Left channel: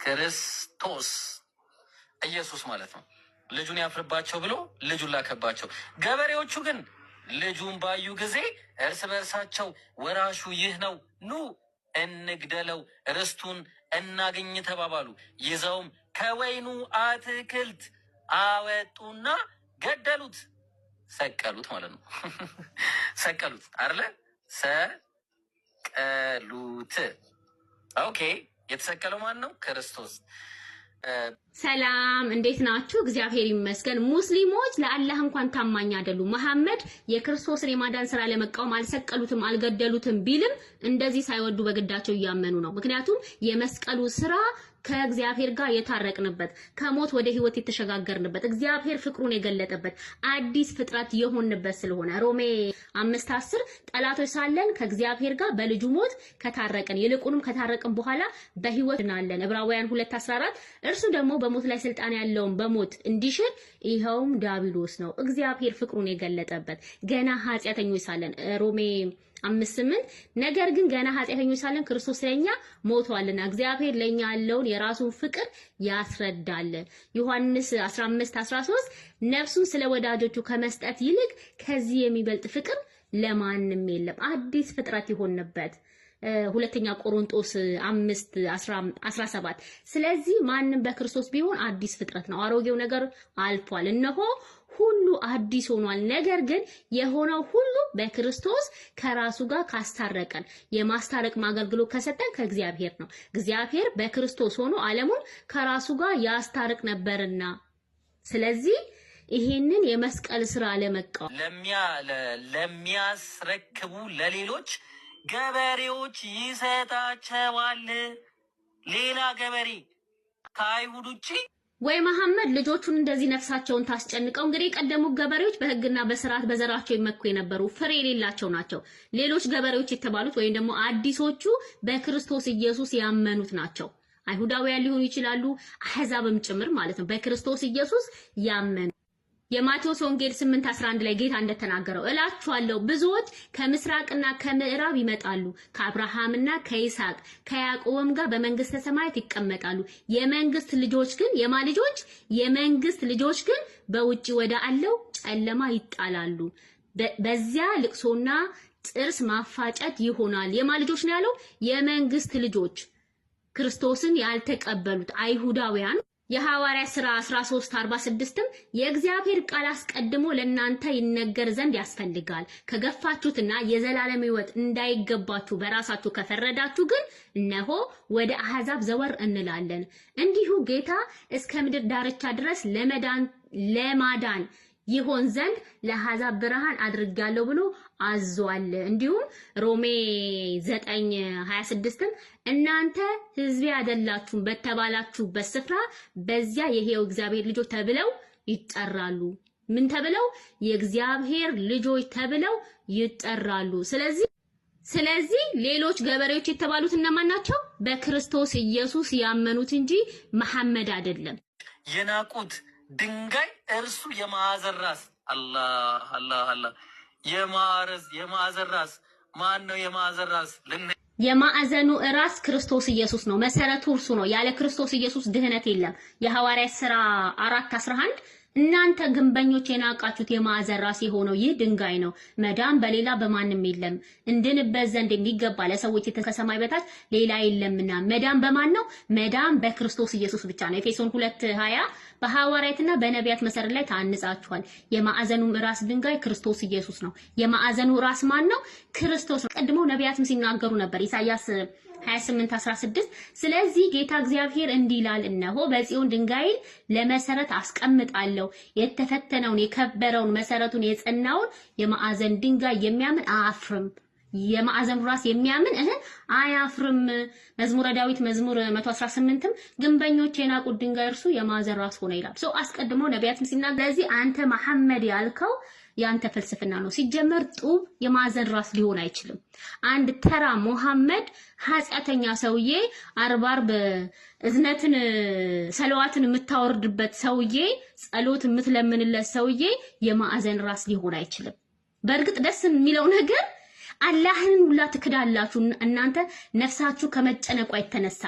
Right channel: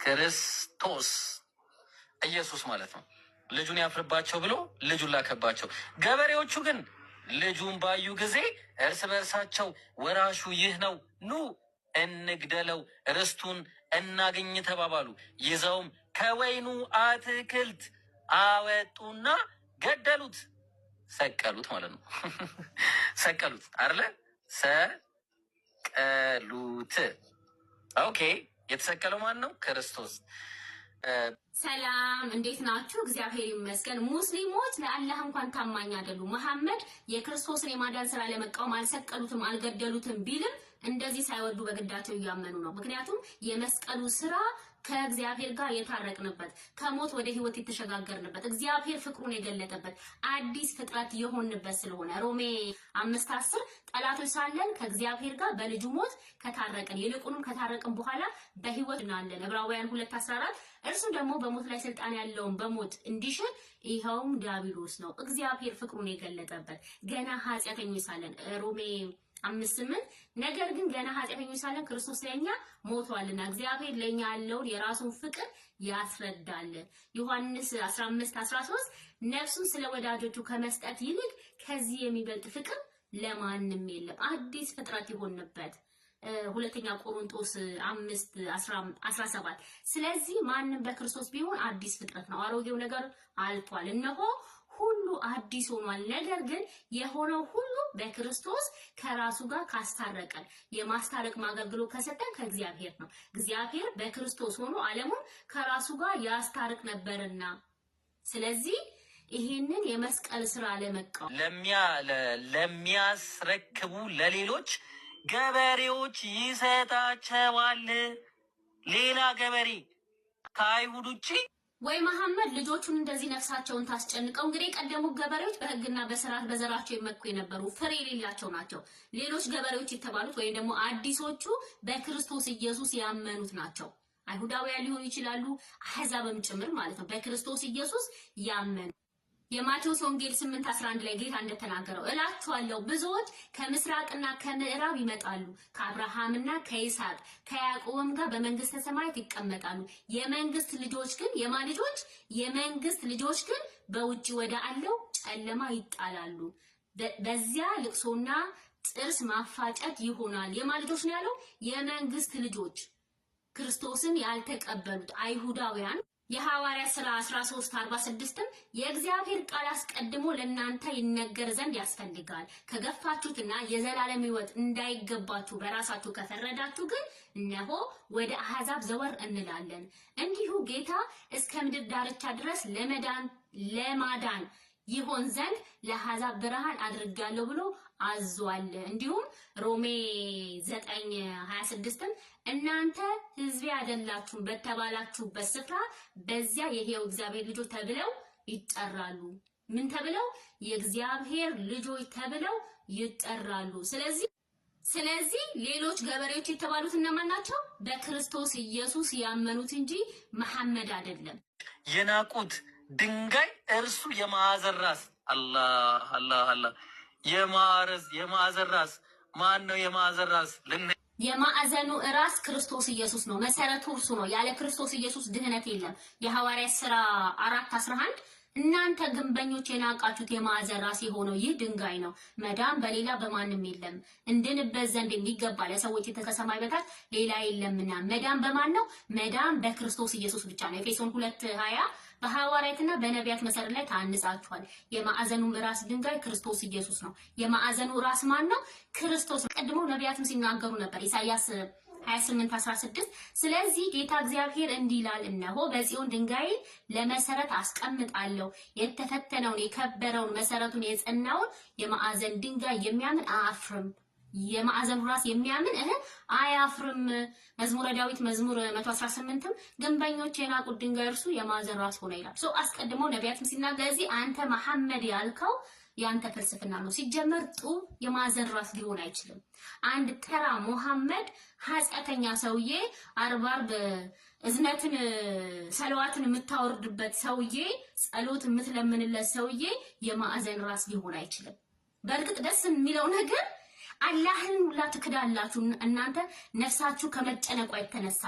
ክርስቶስ ኢየሱስ ማለት ነው። ልጁን ያፍርባቸው ብሎ ልጁን ላከባቸው። ገበሬዎቹ ግን ልጁን ባዩ ጊዜ እርስ በርሳቸው ወራሹ ይህ ነው፣ ኑ እንግደለው፣ ርስቱን እናገኝ ተባባሉ። ይዘውም ከወይኑ አትክልት አወጡና ገደሉት፣ ሰቀሉት ማለት ነው። ሰቀሉት አይደለ? ሰቀሉት። ኦኬ። የተሰቀለው ማን ነው? ክርስቶስ። ሰላም እንዴት ናችሁ? እግዚአብሔር ይመስገን። ሙስሊሞች ለአላህ እንኳን ታማኝ አይደሉም። መሐመድ የክርስቶስን የማዳን ስራ ለመቃወም አልሰቀሉትም አልገደሉትም ቢልም እንደዚህ ሳይወዱ በግዳቸው እያመኑ ነው። ምክንያቱም የመስቀሉ ስራ ከእግዚአብሔር ጋር የታረቅንበት፣ ከሞት ወደ ህይወት የተሸጋገርንበት፣ እግዚአብሔር ፍቅሩን የገለጠበት፣ አዲስ ፍጥረት የሆንበት ስለሆነ ሮሜ 5:10 ጠላቶች ሳለን ከእግዚአብሔር ጋር በልጁ ሞት ከታረቅን ይልቁንም ከታረቅን በኋላ በህይወት እናለን። ዕብራውያን 2:14 እርሱ ደግሞ በሞት ላይ ስልጣን ያለውን በሞት እንዲሽር ይኸውም ዲያብሎስ ነው፣ እግዚአብሔር ፍቅሩን የገለጠበት ገና ኃጢአተኞች ሳለን ሮሜ 5:8 ነገር ግን ገና ኃጢአተኞች ሳለን ክርስቶስ ለኛ ሞቷልና እግዚአብሔር ለኛ ያለውን የራሱን ፍቅር ያስረዳል። ዮሐንስ 15:13 ነፍሱን ስለ ወዳጆቹ ከመስጠት ይልቅ ከዚህ የሚበልጥ ፍቅር ለማንም የለም። አዲስ ፍጥረት ይሆንበት። ሁለተኛ ቆሮንቶስ 5:17 ስለዚህ ማንም በክርስቶስ ቢሆን አዲስ ፍጥረት ነው፣ አሮጌው ነገር አልፏል፣ እነሆ ሁሉ አዲስ ሆኗል። ነገር ግን የሆነው ሁሉ በክርስቶስ ከራሱ ጋር ካስታረቀን የማስታረቅ አገልግሎት ከሰጠን ከእግዚአብሔር ነው። እግዚአብሔር በክርስቶስ ሆኖ ዓለሙን ከራሱ ጋር ያስታርቅ ነበርና ስለዚህ ይሄንን የመስቀል ስራ ለመቃወም ለሚያስረክቡ ለሌሎች ገበሬዎች ይሰጣቸዋል። ሌላ ገበሬ ከአይሁድ ውጪ ወይ መሐመድ ልጆቹን እንደዚህ ነፍሳቸውን ታስጨንቀው። እንግዲህ የቀደሙ ገበሬዎች በህግና በስርዓት በዘራቸው ይመኩ የነበሩ ፍሬ የሌላቸው ናቸው። ሌሎች ገበሬዎች የተባሉት ወይም ደግሞ አዲሶቹ በክርስቶስ ኢየሱስ ያመኑት ናቸው። አይሁዳውያን ሊሆኑ ይችላሉ፣ አህዛብም ጭምር ማለት ነው። በክርስቶስ ኢየሱስ ያመኑ የማቴዎስ ወንጌል 8:11 ላይ ጌታ እንደተናገረው እላችኋለሁ ብዙዎች ከምስራቅና ከምዕራብ ይመጣሉ፣ ከአብርሃምና ከይስሐቅ ከያዕቆብም ጋር በመንግስተ ሰማያት ይቀመጣሉ። የመንግስት ልጆች ግን በውጪ ወደ አለው ጨለማ ይጣላሉ። በዚያ ልቅሶና ጥርስ ማፋጨት ይሆናል። ልጆች ነው ያለው? የመንግስት ልጆች ክርስቶስን ያልተቀበሉት አይሁዳውያን። የሐዋርያ ሥራ 13:46ም የእግዚአብሔር ቃል አስቀድሞ ለእናንተ ይነገር ዘንድ ያስፈልጋል። ከገፋችሁትና የዘላለም ሕይወት እንዳይገባችሁ በራሳችሁ ከፈረዳችሁ ግን እነሆ ወደ አሕዛብ ዘወር እንላለን። እንዲሁ ጌታ እስከ ምድር ዳርቻ ድረስ ለማዳን ይሆን ዘንድ ለአሕዛብ ብርሃን አድርጋለሁ ብሎ አዟል። እንዲሁም ሮሜ 9:26ም እናንተ ሕዝቤ አይደላችሁም በተባላችሁበት ስፍራ በዚያ የሕያው እግዚአብሔር ልጆች ተብለው ይጠራሉ። ምን ተብለው? የእግዚአብሔር ልጆች ተብለው ይጠራሉ። ስለዚህ ሌሎች ገበሬዎች የተባሉት እነማን ናቸው? በክርስቶስ ኢየሱስ ያመኑት እንጂ መሐመድ አይደለም። የናቁት ድንጋይ እርሱ የማዕዘን ራስ። አላህ አላህ አላህ። የማዕዘን ራስ ማን ነው? የማዕዘን ራስ የማዕዘኑ ራስ ክርስቶስ ኢየሱስ ነው። መሰረቱ እርሱ ነው። ያለ ክርስቶስ ኢየሱስ ድህነት የለም። የሐዋርያት ሥራ 4:11 እናንተ ግንበኞች የናቃችሁት የማዕዘን ራስ የሆነው ይህ ድንጋይ ነው፣ መዳን በሌላ በማንም የለም፣ እንድንበት ዘንድ የሚገባ ለሰዎች ከሰማይ በታች ሌላ የለምና። መዳን በማን ነው? መዳን በክርስቶስ ኢየሱስ ብቻ ነው። ኤፌሶን 2:20 በሐዋርያትና በነቢያት መሰረት ላይ ታንጻችኋል። የማዕዘኑም ራስ ድንጋይ ክርስቶስ ኢየሱስ ነው። የማዕዘኑ ራስ ማን ነው? ክርስቶስ ነው። ቀድሞ ነቢያትም ሲናገሩ ነበር። ኢሳይያስ 28:16 ስለዚህ ጌታ እግዚአብሔር እንዲህ ይላል፣ እነሆ በጽዮን ድንጋይን ለመሰረት አስቀምጣለሁ፣ የተፈተነውን የከበረውን መሰረቱን የጸናውን የማዕዘን ድንጋይ የሚያምን አያፍርም። የማዕዘኑ ራስ የሚያምን አያፍርም። መዝሙረ ዳዊት መዝሙር 118ም ግንበኞች የናቁት ድንጋይ እርሱ የማዕዘን ራስ ሆነ ይላል። አስቀድሞ ነቢያትም ሲናገሩ ስለዚህ አንተ መሐመድ ያልከው ያንተ ፍልስፍና ነው። ሲጀመር ጡብ የማዕዘን ራስ ሊሆን አይችልም። አንድ ተራ መሐመድ ኃጢአተኛ ሰውዬ አርባር እዝነትን ሰለዋትን የምታወርድበት ሰውዬ ጸሎት የምትለምንለት ሰውዬ የማዕዘን ራስ ሊሆን አይችልም። በእርግጥ ደስ የሚለው ነገር አላህን ሁላ ትክዳላችሁ እናንተ ነፍሳችሁ ከመጨነቋ የተነሳ